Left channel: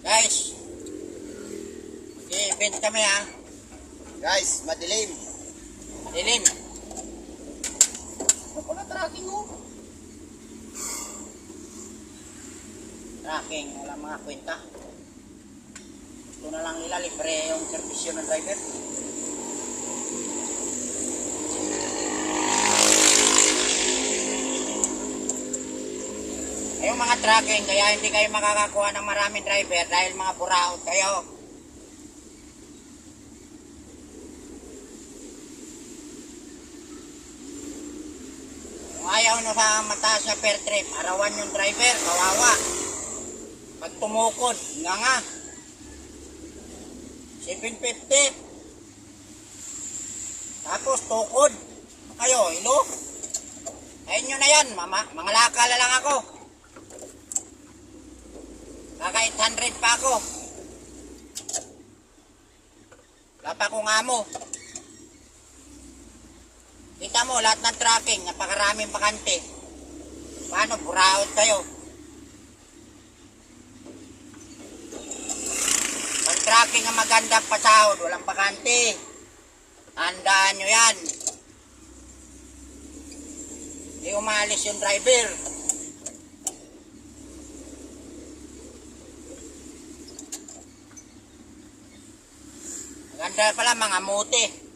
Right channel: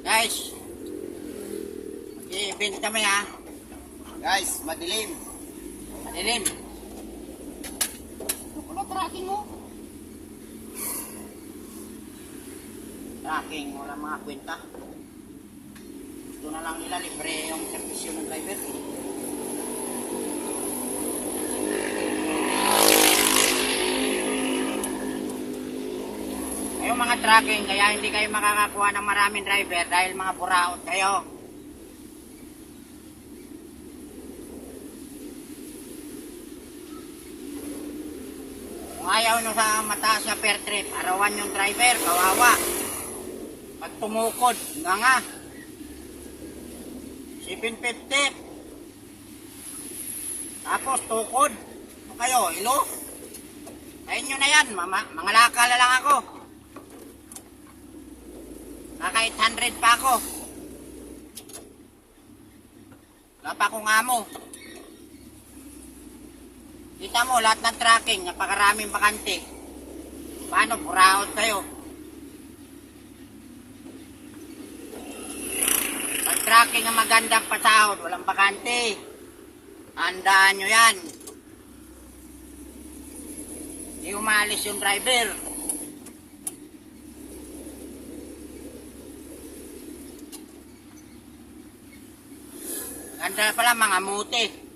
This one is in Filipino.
Guys, mag-i-event kami ha. Guys, madilim. Madilim. Ano pala tracking mo? Tracking, wala mga kwenta. Ito na lang nila, libre yung servisyo ng driver. Yung mga tracking, kaya hindi kayo makakakuha ng maraming driver dahil mga buraot kayo. Kung ayaw nyo sa mataas na per trip, arawan yung driver, kawawa. Pag tumukod, nga. 750. Tapos tukod. Ano kayo, ilo? Ayun nyo na yan, mga lakala lang ako. Kaka 800 pa ako. Wala pa akong amo. Kita mo, lahat ng tracking, napakaraming bakante. Paano, buraot kayo? Pag tracking ang magandang pasahod, walang bakante. Handaan nyo yan. Hindi umalis yung driver. Ganda pala mga muti.